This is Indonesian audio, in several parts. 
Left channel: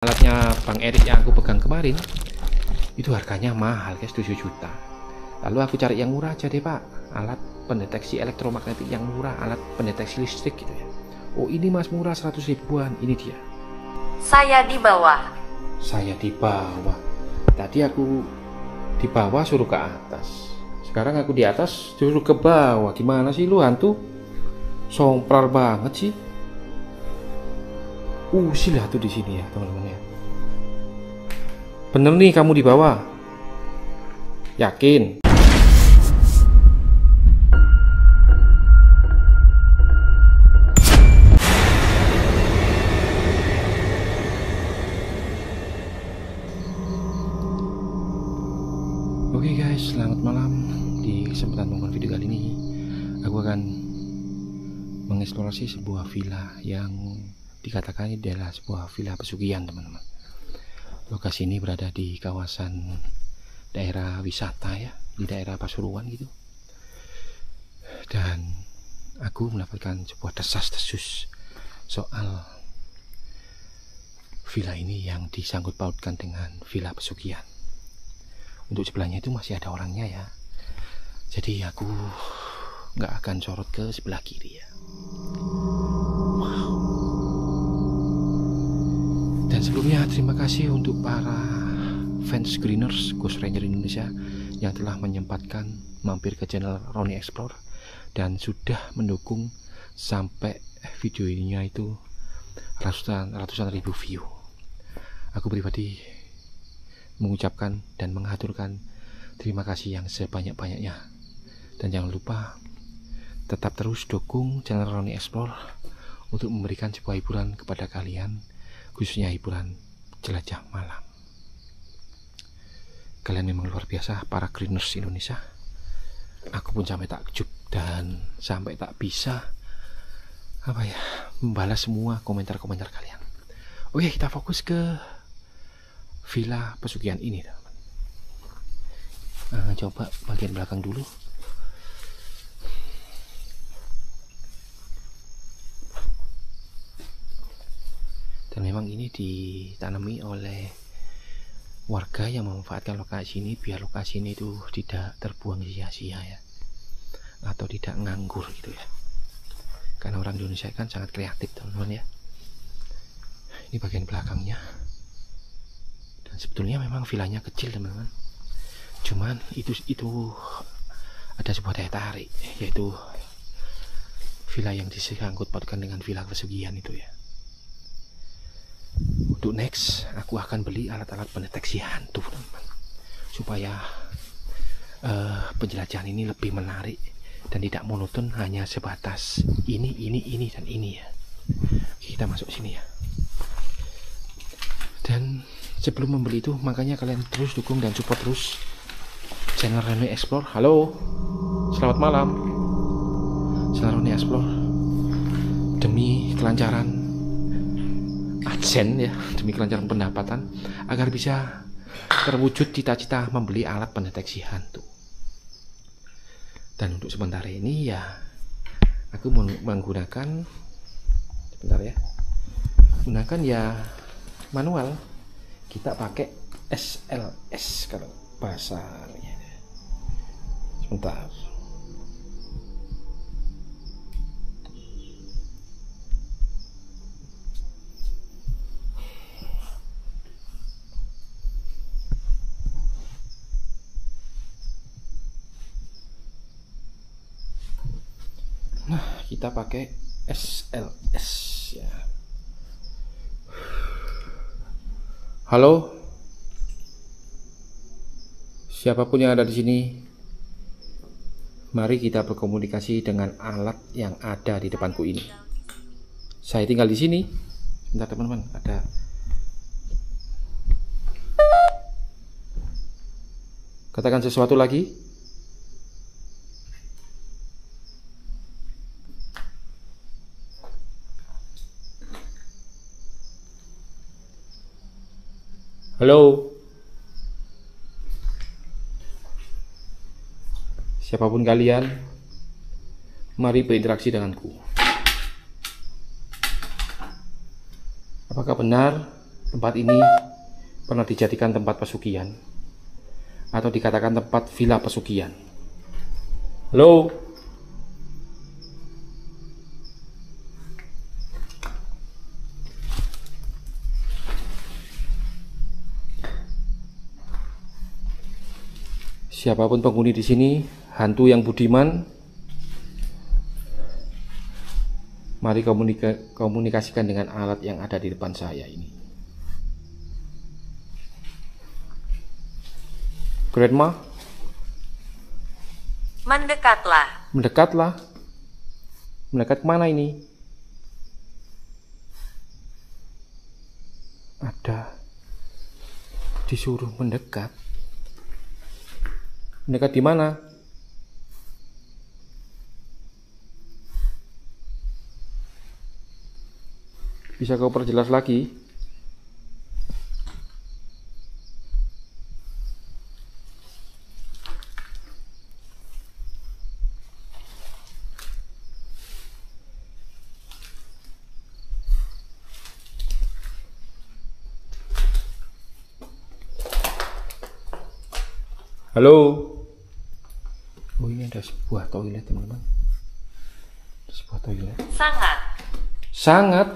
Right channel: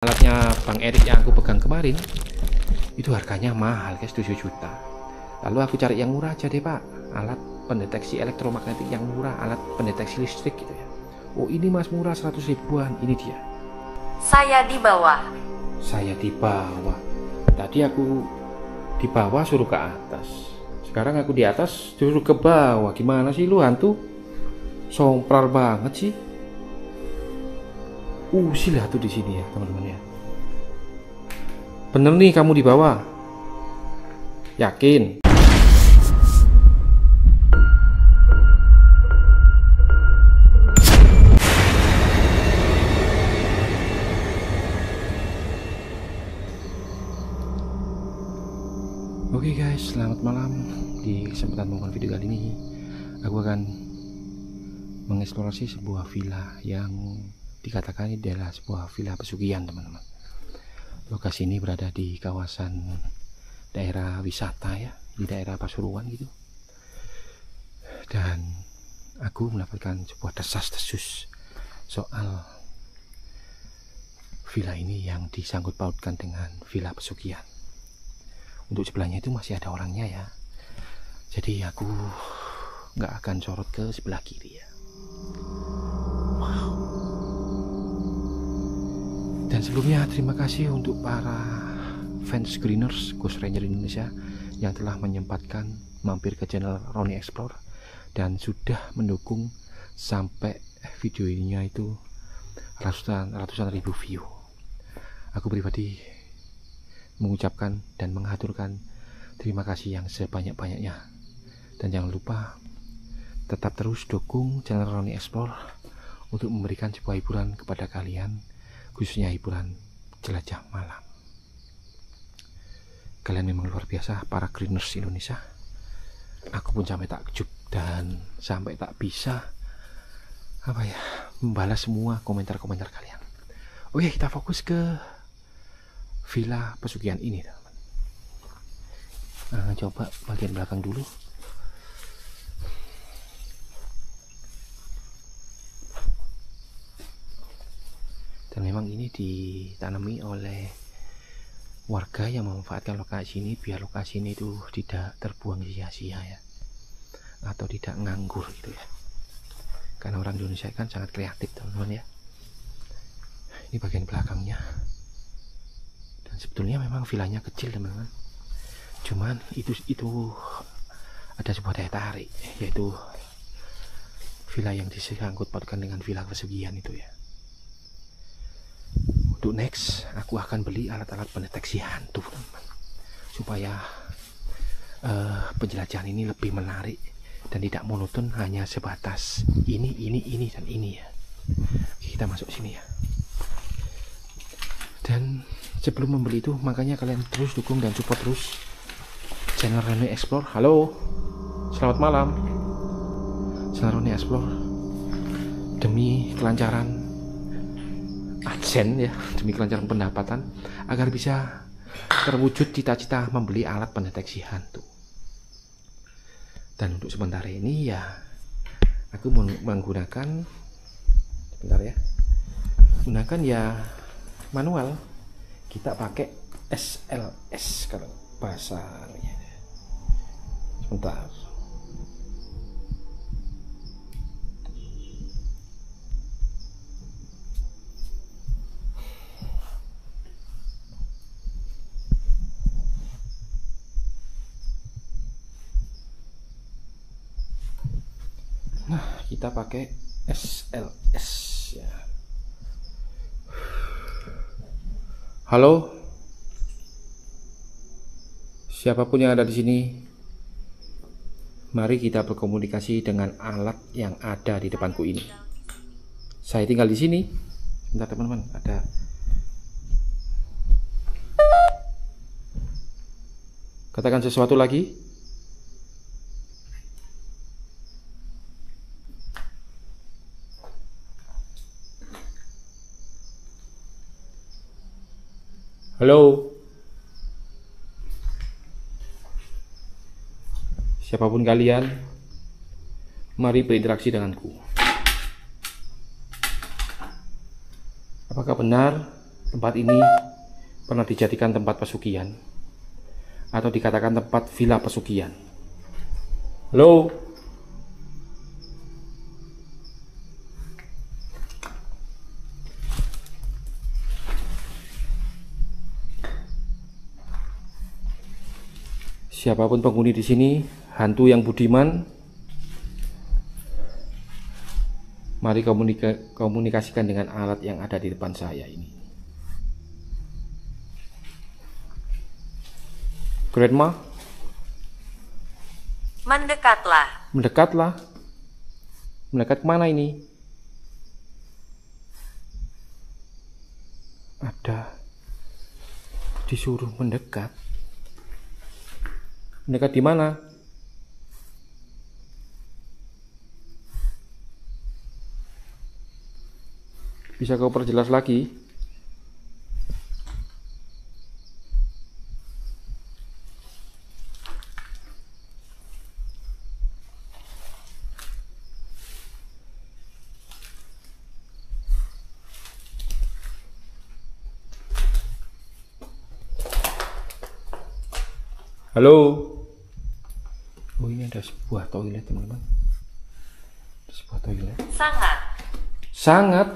Alatnya Bang Erik yang aku pegang kemarin itu harganya mahal guys, 7 juta. Lalu aku cari yang murah aja deh Pak, alat pendeteksi elektromagnetik yang murah, alat pendeteksi listrik gitu ya. Oh ini mas murah 100 ribuan, ini dia. Saya di bawah. Saya di bawah. Tadi aku di bawah suruh ke atas, sekarang aku di atas suruh ke bawah. Gimana sih lu hantu? Sompral banget sih. Usil tuh di sini ya teman-teman ya. Bener nih kamu di bawah. Yakin? Oke guys, selamat malam. Di kesempatan menonton video kali ini, aku akan mengeksplorasi sebuah villa yang dikatakan ini adalah sebuah villa pesugihan teman-teman. Lokasi ini berada di kawasan daerah wisata ya, di daerah Pasuruan gitu. Dan aku mendapatkan sebuah desas-desus soal villa ini yang disangkut pautkan dengan villa pesugihan. Untuk sebelahnya itu masih ada orangnya ya, jadi aku nggak akan sorot ke sebelah kiri ya. Wow. Dan sebelumnya terima kasih untuk para fans screeners Ghost Ranger Indonesia yang telah menyempatkan mampir ke channel Ronnie Explore dan sudah mendukung sampai video ininya itu ratusan ribu view. Aku pribadi mengucapkan dan mengaturkan terima kasih yang sebanyak-banyaknya. Dan jangan lupa tetap terus dukung channel Ronnie Explore untuk memberikan sebuah hiburan kepada kalian, khususnya hiburan jelajah malam. Kalian memang luar biasa para greeners Indonesia. Aku pun sampai takjub dan sampai tak bisa membalas semua komentar-komentar kalian. Oke, kita fokus ke villa pesugihan ini teman. Coba bagian belakang dulu. Dan memang ini ditanami oleh warga yang memanfaatkan lokasi ini biar lokasi ini itu tidak terbuang sia-sia ya, atau tidak nganggur gitu ya. Karena orang Indonesia kan sangat kreatif teman-teman ya. Ini bagian belakangnya. Dan sebetulnya memang villanya kecil teman-teman. Cuman itu ada sebuah daya tarik, yaitu villa yang disangkut pautkan dengan villa pesugihan itu ya. Untuk next, aku akan beli alat-alat pendeteksi hantu teman-teman, supaya penjelajahan ini lebih menarik dan tidak monoton hanya sebatas ini dan ini ya. Kita masuk sini ya. Dan sebelum membeli itu, makanya kalian terus dukung dan support terus channel Ronnie Explore. Halo, selamat malam channel Ronnie Explore. Demi kelancaran adsen ya, demi kelancaran pendapatan, agar bisa terwujud cita-cita membeli alat pendeteksi hantu. Dan untuk sementara ini ya, aku menggunakan gunakan ya manual. Kita pakai SLS kalau bahasanya. Sebentar. Nah, kita pakai SLS ya. Halo, siapapun yang ada di sini, mari kita berkomunikasi dengan alat yang ada di depanku ini. Saya tinggal di sini. Bentar teman-teman, ada. Katakan sesuatu lagi. Halo. Siapapun kalian, mari berinteraksi denganku. Apakah benar Tempat ini pernah dijadikan tempat pesugihan atau dikatakan tempat villa pesugihan. Halo. Siapapun penghuni di sini, hantu yang budiman, mari komunikasikan dengan alat yang ada di depan saya ini. Grandma, Mendekatlah. mendekatlah. Mendekat kemana ini? Ada disuruh mendekat. Mendekat di mana? Bisa kau perjelas lagi? Halo. Oh, ini ada sebuah toilet, teman-teman. Ada sebuah toilet. Sangat.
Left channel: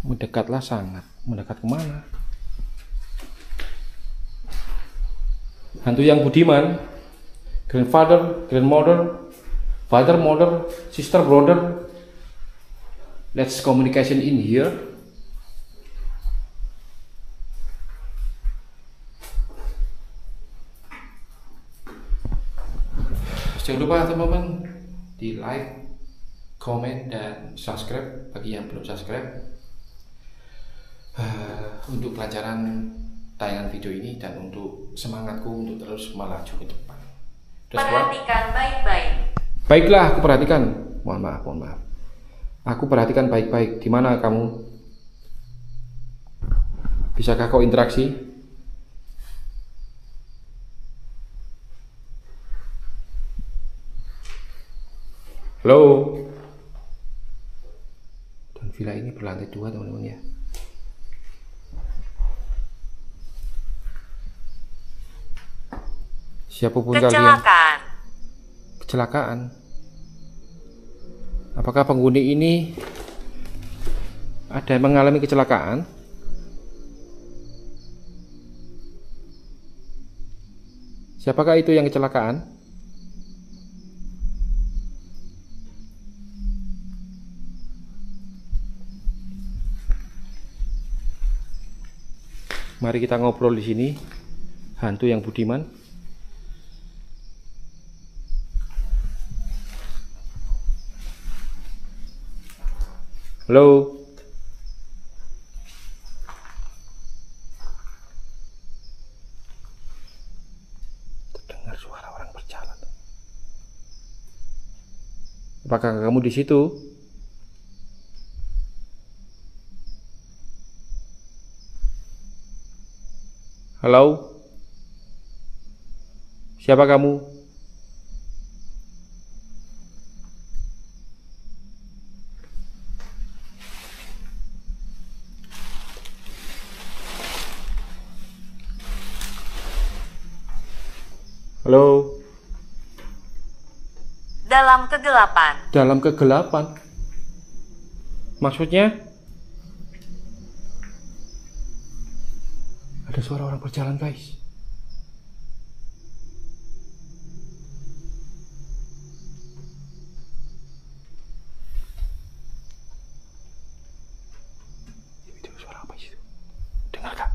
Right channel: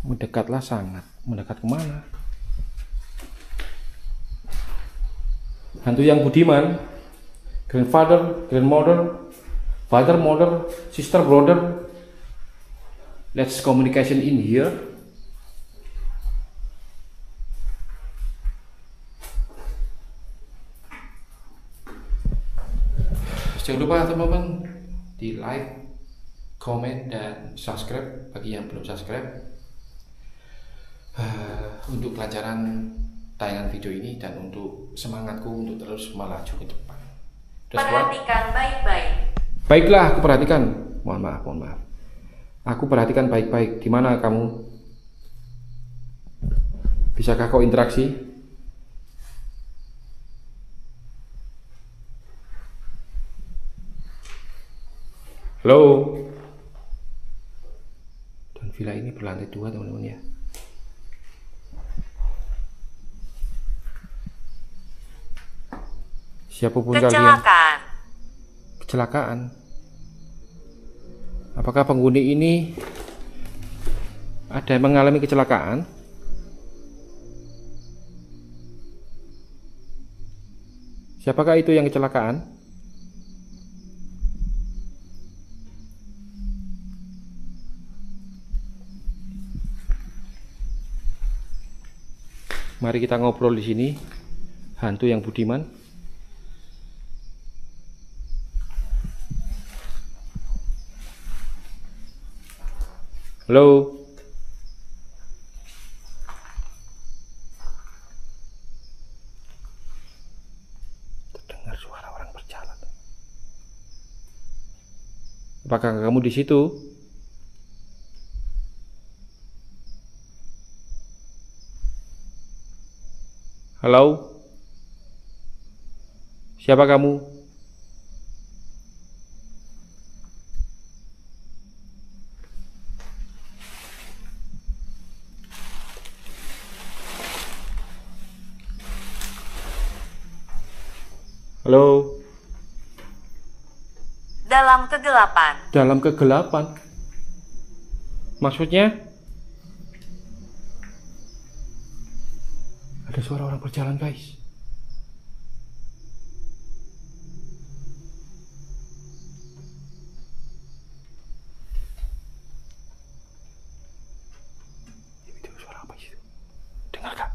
Mendekatlah sangat. Mendekat kemana? Hantu yang budiman. Grandfather, grandmother, father, mother, sister, brother. Let's communication in here. Jangan lupa teman-teman di like, komen, dan subscribe bagi yang belum subscribe untuk kelancaran tayangan video ini dan untuk semangatku untuk terus melaju ke depan. Perhatikan baik-baik. Baiklah, aku perhatikan. Mohon maaf. Aku perhatikan baik-baik. Di mana kamu? Bisakah kau interaksi? Halo. Dan villa ini berlantai 2, teman-teman ya. Siapapun kalian. Kecelakaan. Apakah penghuni ini ada yang mengalami kecelakaan? Siapakah itu yang kecelakaan? Mari kita ngobrol di sini, hantu yang budiman. Halo. Terdengar suara orang berjalan. Apakah kamu di situ? Halo? Siapa kamu? Halo? Dalam kegelapan. Dalam kegelapan? Maksudnya? Ada suara orang berjalan, guys. Itu suara apa itu? Dengar gak?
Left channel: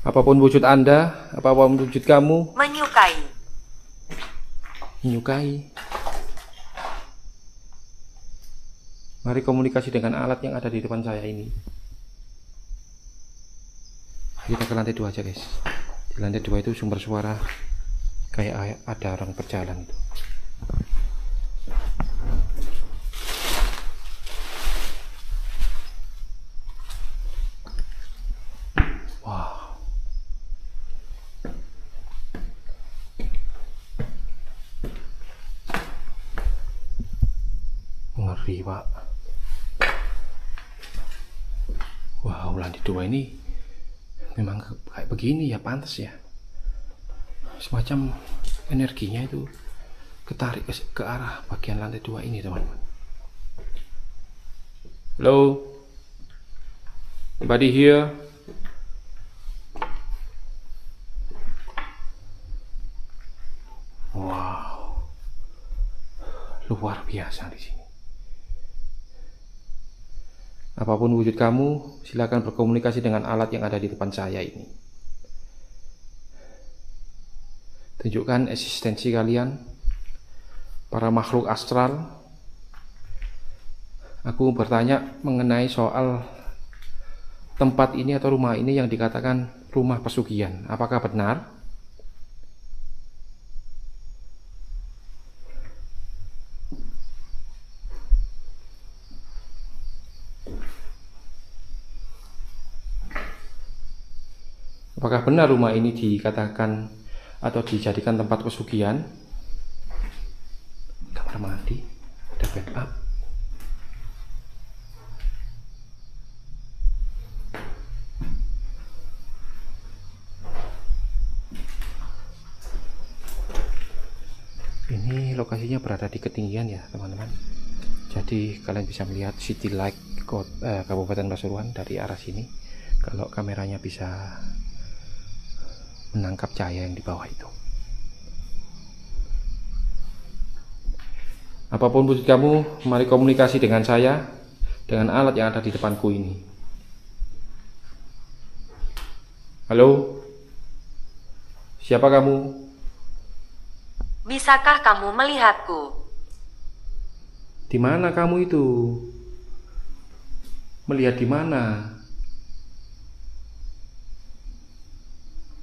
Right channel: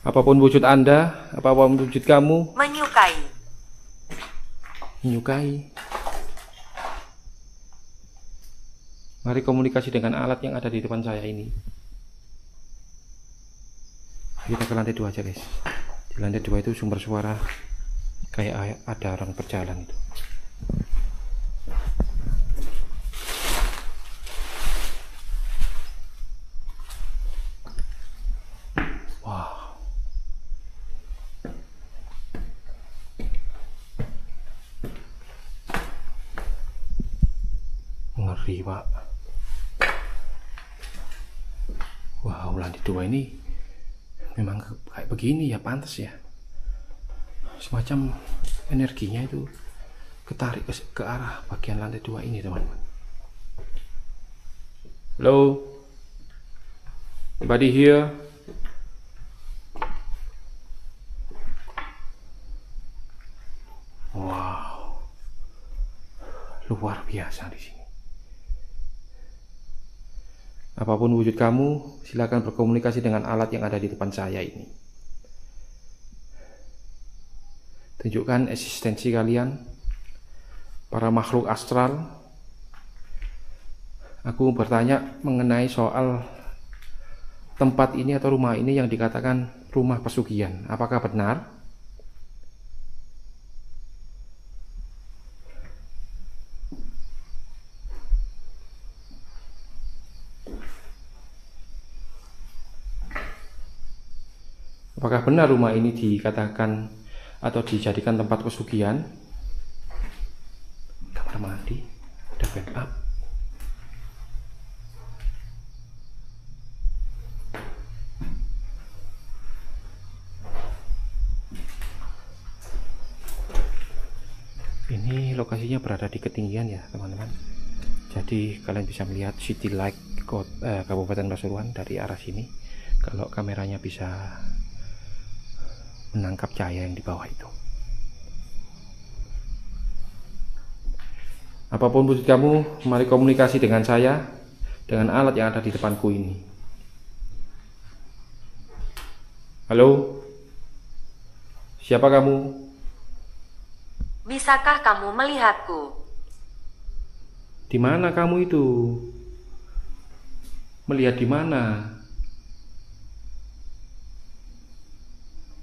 Apapun wujud Anda, apapun wujud kamu, menyukai. Mari komunikasi dengan alat yang ada di depan saya ini. Kita ke lantai 2 aja, guys. Di lantai 2 itu sumber suara kayak ada orang berjalan itu. Wow. ngeri, Pak. Wow, lantai 2 ini memang kayak begini ya, pantas ya. Semacam energinya itu ketarik ke arah bagian lantai 2 ini, teman-teman. Halo? Anybody here? Wow. Luar biasa di sini. Apapun wujud kamu, silakan berkomunikasi dengan alat yang ada di depan saya ini. Tunjukkan eksistensi kalian, para makhluk astral. Aku bertanya mengenai soal tempat ini atau rumah ini yang dikatakan rumah pesugihan. Apakah benar? Apakah benar rumah ini dikatakan atau dijadikan tempat pesugihan? Kamar mandi, ada backup. Ini lokasinya berada di ketinggian ya, teman-teman. Jadi kalian bisa melihat City Light Kabupaten Pasuruan dari arah sini. Kalau kameranya bisa menangkap cahaya yang di bawah itu. Apapun wujud kamu, mari komunikasi dengan saya, dengan alat yang ada di depanku ini. Halo? Siapa kamu? Bisakah kamu melihatku? Di mana kamu itu? Melihat di mana?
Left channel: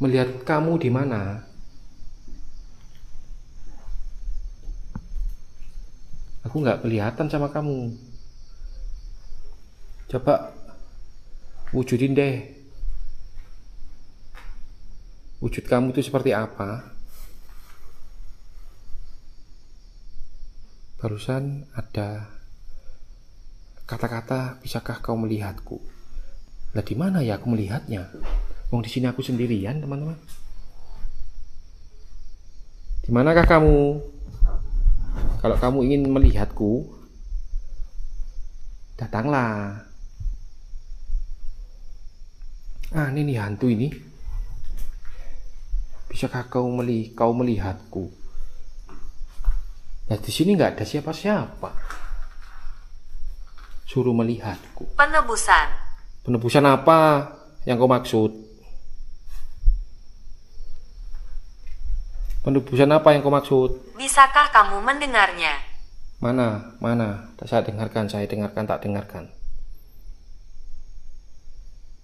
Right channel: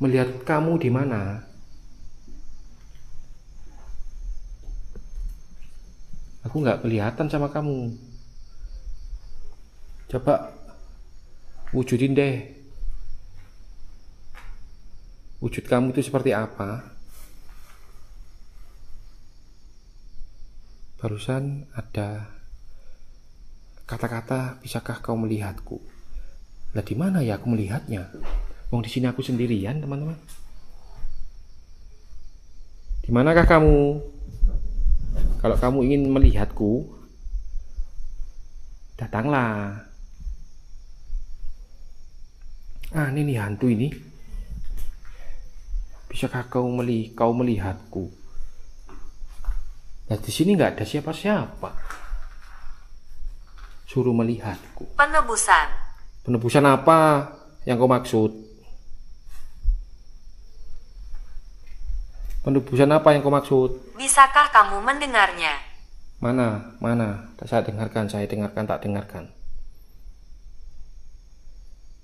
Melihat kamu di mana? Aku nggak kelihatan sama kamu. Coba wujudin deh. Wujud kamu itu seperti apa? Barusan ada kata-kata, bisakah kau melihatku? Lah di mana ya aku melihatnya? Wong di sini aku sendirian, teman-teman. Di manakah kamu? Kalau kamu ingin melihatku, datanglah. Ah, ini nih hantu ini. Bisakah kau melihatku? Nah, di sini nggak ada siapa-siapa. Suruh melihatku. Penebusan. Penebusan apa yang kau maksud? Penebusan apa yang kau maksud? Bisakah kamu mendengarnya? Mana? Saya dengarkan, tak dengarkan.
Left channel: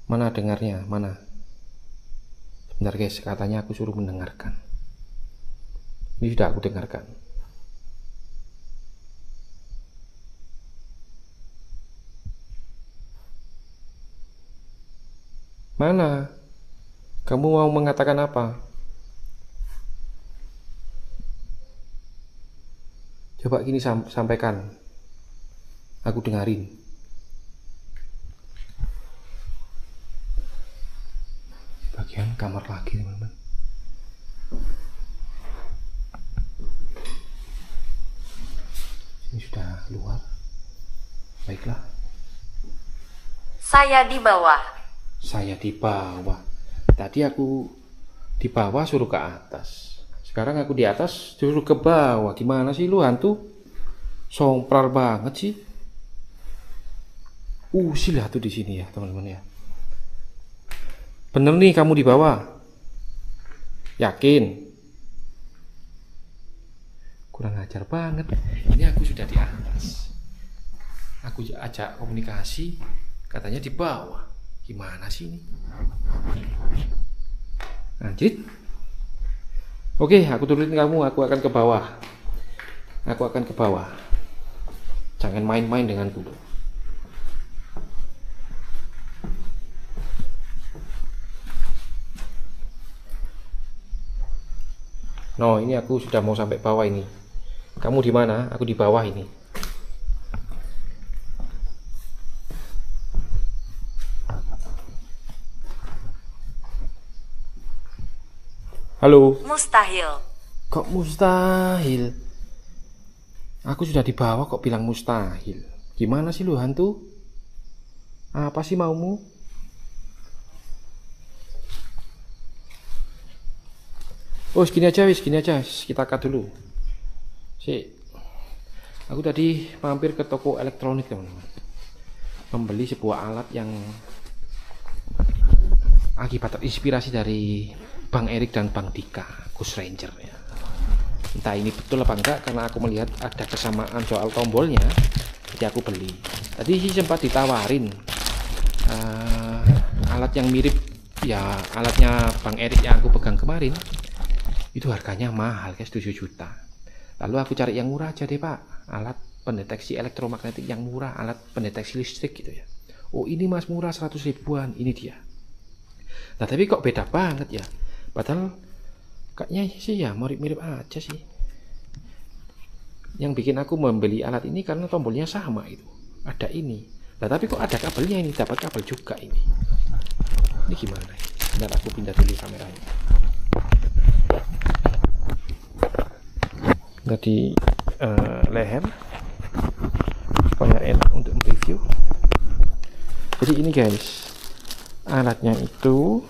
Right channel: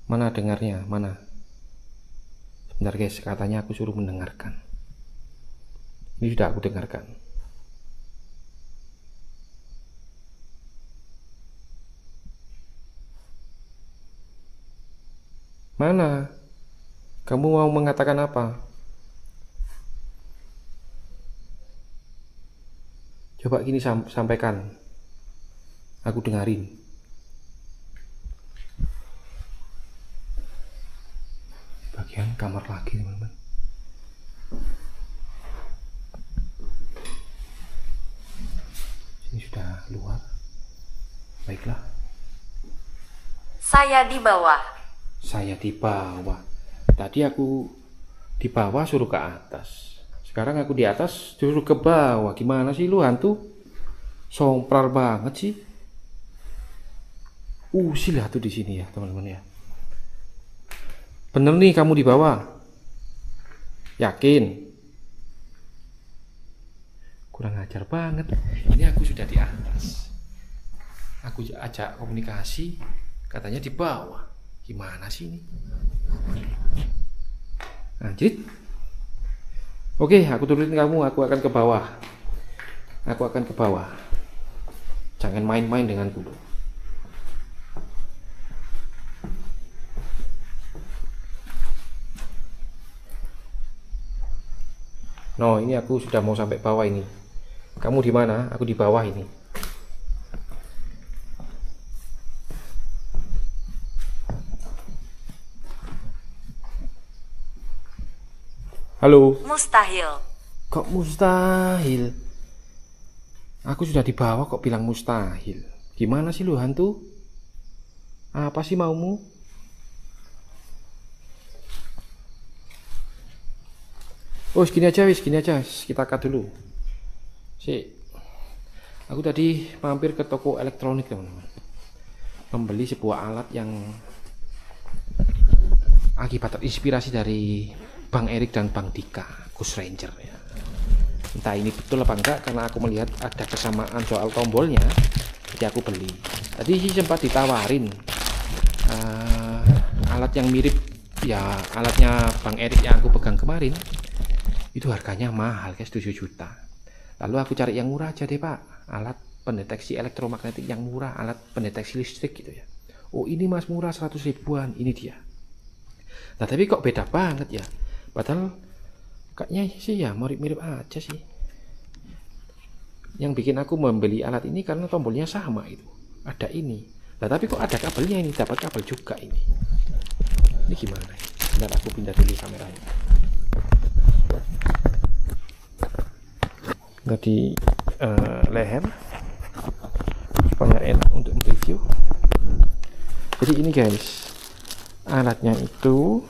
Mana dengarnya? Mana? Sebentar guys, katanya aku suruh mendengarkan. Ini sudah aku dengarkan. Mana? Kamu mau mengatakan apa? Coba gini sampaikan. Aku dengarin. Bagian kamar lagi, teman-teman. Ini sudah luar. Baiklah. Saya di bawah. Saya di bawah. Tadi aku di bawah suruh ke atas. Sekarang aku di atas suruh ke bawah. Gimana sih lu hantu? Sompral banget sih. Usil hantu di sini ya, teman-teman ya. Bener nih kamu di bawah? Yakin? Kurang ajar banget. Ini aku sudah di atas. Aku ajak komunikasi, katanya di bawah. Gimana sih ini? Lanjut. Oke, aku turutin kamu, aku akan ke bawah. Jangan main-main denganku. No, ini aku sudah mau sampai bawah ini. Kamu di mana? Aku di bawah ini. Halo. Mustahil. Kok mustahil? Aku sudah di bawah kok bilang mustahil. Gimana sih lu hantu? Apa sih maumu? Oh, segini aja wis, gini aja. Kita cut dulu. Aku tadi mampir ke toko elektronik, teman-teman. Membeli sebuah alat yang akibat terinspirasi dari Bang Erik dan Bang Dika, Ghost Ranger ya. Entah ini betul apa enggak, karena aku melihat ada kesamaan soal tombolnya, jadi aku beli. Tadi sih sempat ditawarin alat yang mirip ya alatnya Bang Erik yang aku pegang kemarin. Itu harganya mahal guys, 7 juta. Lalu aku cari yang murah aja deh Pak, alat pendeteksi elektromagnetik yang murah, alat pendeteksi listrik gitu ya. Oh ini mas murah 100 ribuan, ini dia. Nah tapi kok beda banget ya, padahal kayaknya sih ya mirip-mirip aja sih. Yang bikin aku membeli alat ini karena tombolnya sama itu, ada ini. Nah tapi kok ada kabelnya ini, dapat kabel juga ini. Ini gimana? Bentar aku pindah dulu kameranya. Jadi leher supaya enak untuk mereview. Jadi ini guys, alatnya itu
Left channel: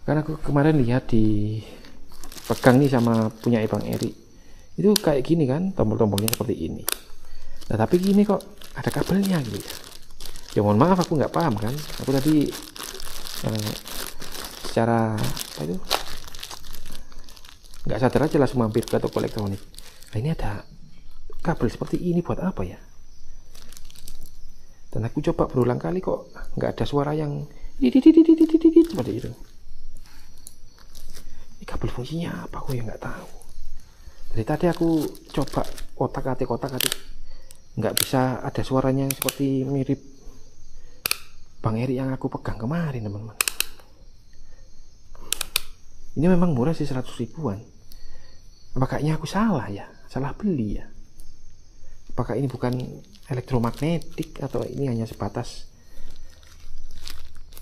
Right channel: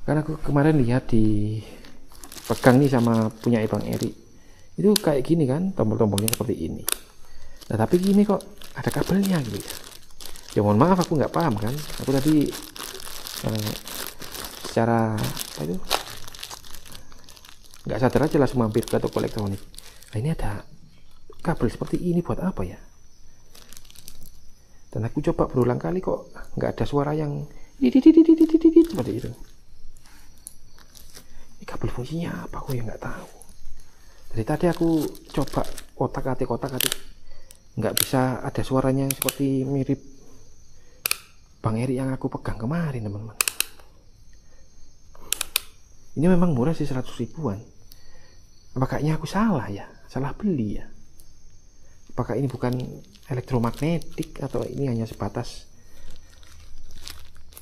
karena aku kemarin lihat di pegang nih sama punya Bang Erik, itu kayak gini kan, tombol-tombolnya seperti ini. Nah tapi gini kok ada kabelnya gitu ya. Ya mohon maaf aku nggak paham kan, aku tadi secara apa itu nggak sadar aja langsung mampir ke toko elektronik. Nah ini ada kabel seperti ini buat apa ya? Dan aku coba berulang kali kok nggak ada suara yang seperti itu. Ini kabel fungsinya apa aku ya nggak tahu. Dari tadi aku coba kotak-atik nggak bisa ada suaranya yang seperti mirip Bang Erik yang aku pegang kemarin teman-teman. Ini memang murah sih 100 ribuan. Apa kayaknya aku salah ya, salah beli ya? Apakah ini bukan elektromagnetik atau ini hanya sebatas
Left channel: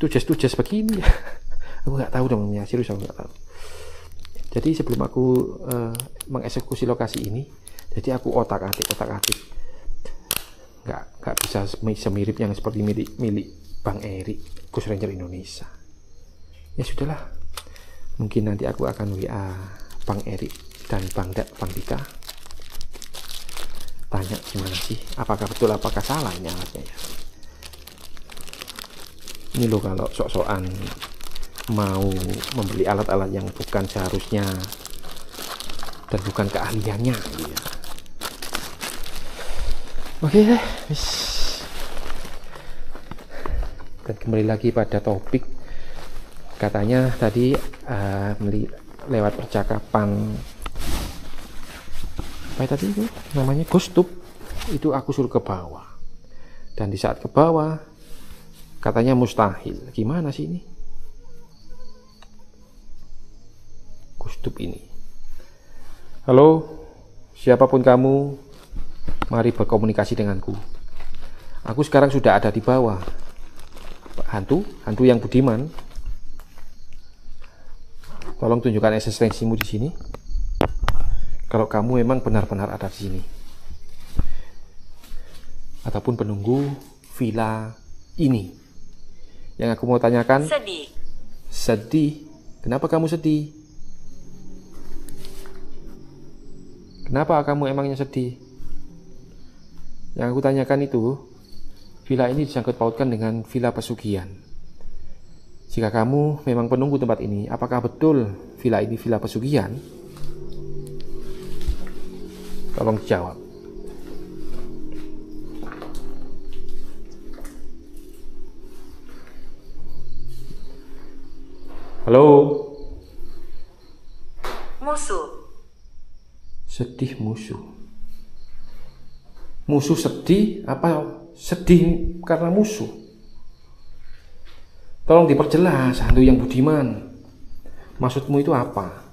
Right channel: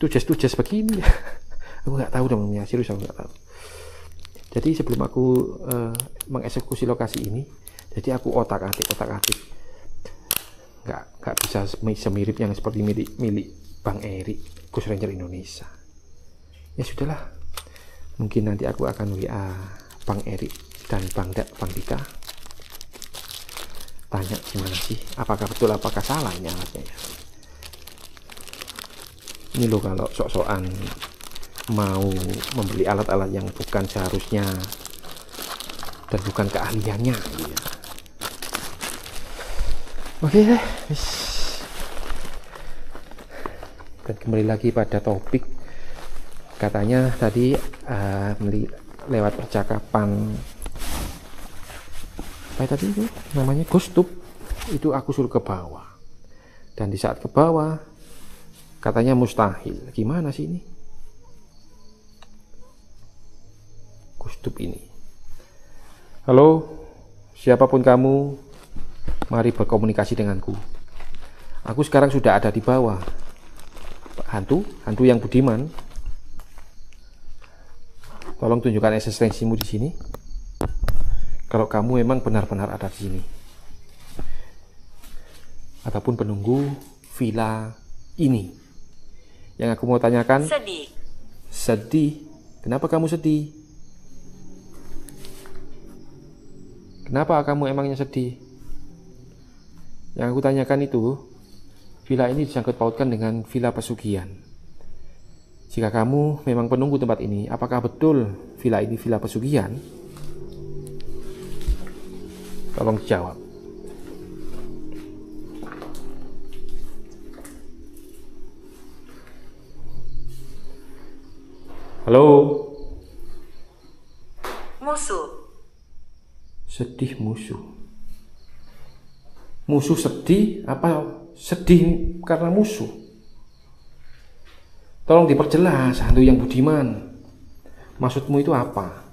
tujas begini ya? Aku nggak tahu teman-teman, serius aku nggak tahu. Jadi sebelum aku mengeksekusi lokasi ini, jadi aku otak-atik nggak bisa semirip yang seperti milik Bang Erik, Ghost Ranger Indonesia. Ya sudahlah, mungkin nanti aku akan WA Bang Erik dan Bang Dika, tanya gimana sih, apakah betul apakah salah ini alatnya ya. Ini loh kalau sok-sokan mau membeli alat-alat yang bukan seharusnya dan bukan keahliannya ya. Oke deh, dan kembali lagi pada topik. Katanya tadi lewat percakapan apa tadi itu namanya ghost tube, itu aku suruh ke bawah, dan di saat ke bawah katanya mustahil. Gimana sih ini ghost tube ini? Halo siapapun kamu, mari berkomunikasi denganku. Aku sekarang sudah ada di bawah. Hantu yang budiman, tolong tunjukkan eksistensimu di sini. Kalau kamu memang benar-benar ada di sini, ataupun penunggu villa ini. Yang aku mau tanyakan, sedih. Kenapa kamu sedih? Kenapa kamu emangnya sedih? Yang aku tanyakan itu, villa ini disangkut pautkan dengan villa pesugihan. Jika kamu memang penunggu tempat ini, apakah betul villa ini villa pesugihan? Tolong jawab. Halo. Musuh. Sedih musuh. Musuh sedih apa sedih karena musuh? Tolong diperjelas, hantu yang budiman. Maksudmu itu apa?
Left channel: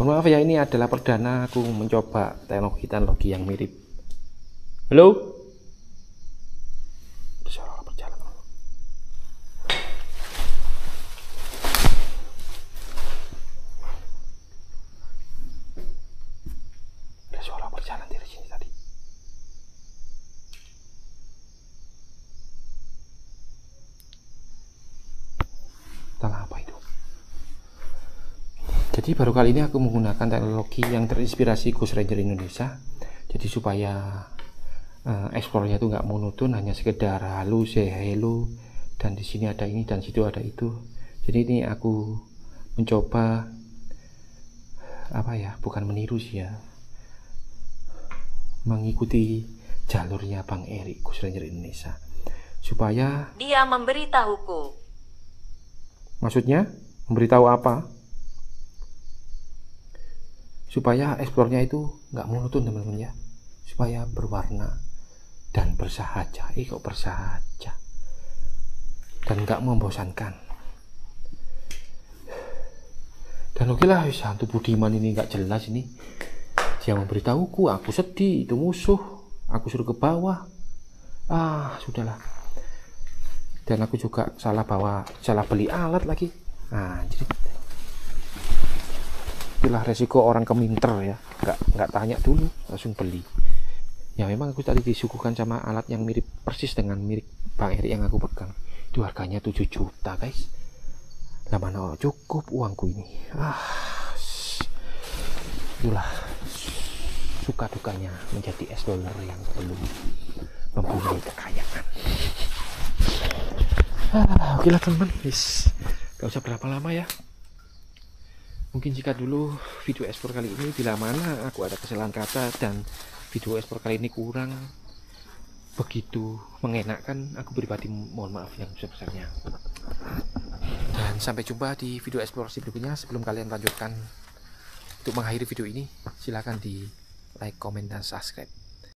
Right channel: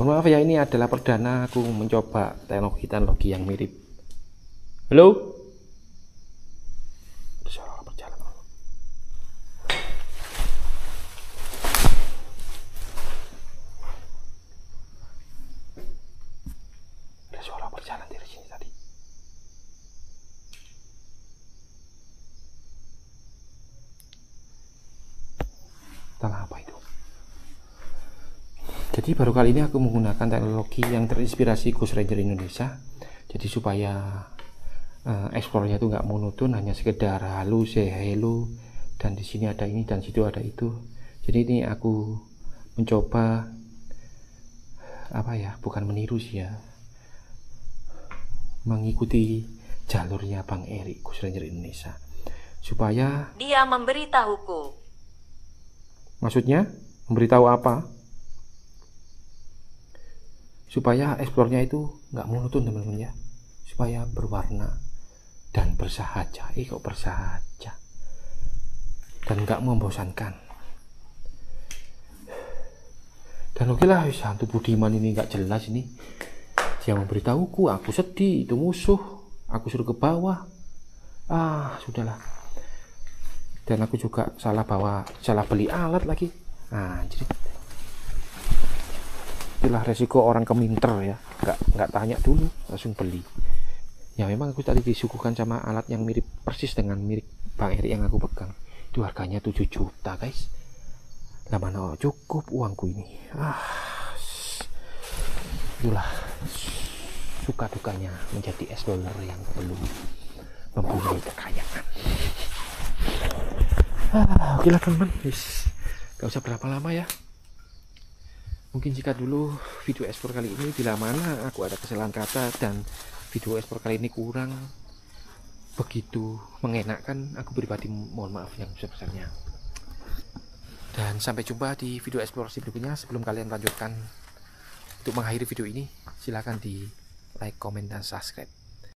Mohon maaf ya, ini adalah perdana aku mencoba teknologi yang mirip. Halo? Suara berjalan. Ada suara berjalan dari sini tadi. Entahlah apa itu. Jadi baru kali ini aku menggunakan teknologi yang terinspirasi Ghost Ranger Indonesia. Jadi supaya eksplornya itu nggak monoton, hanya sekedar halo, say hello, dan di sini ada ini dan situ ada itu. Jadi ini aku mencoba apa ya, bukan meniru sih ya, mengikuti jalurnya Bang Erik Ghost Ranger Indonesia supaya Dia memberitahuku. maksudnya memberitahu apa? Supaya eksplornya itu nggak monoton teman-teman ya, supaya berwarna dan bersahaja. Kok bersahaja dan nggak membosankan. Dan oke lah, hantu Budiman ini nggak jelas ini. Dia memberitahuku, aku sedih, itu musuh, aku suruh ke bawah. Sudahlah. Dan aku juga salah beli alat lagi. Jadi itulah resiko orang keminter ya, nggak tanya dulu langsung beli. Ya memang aku tadi disuguhkan sama alat yang mirip persis dengan mirip Bang Erik yang aku pegang. Itu harganya 7 juta guys. Lah mana cukup uangku ini. Itulah suka dukanya menjadi explorer yang belum mempunyai kekayaan. Oke lah teman-teman, gak usah berapa lama ya. Mungkin jika dulu video explore kali ini bila mana aku ada kesalahan kata dan video explore kali ini kurang begitu mengenakkan, aku pribadi mohon maaf yang sebesar-besarnya. Dan sampai jumpa di video eksplorasi berikutnya. Sebelum kalian lanjutkan untuk mengakhiri video ini, silahkan di like, komen, dan subscribe.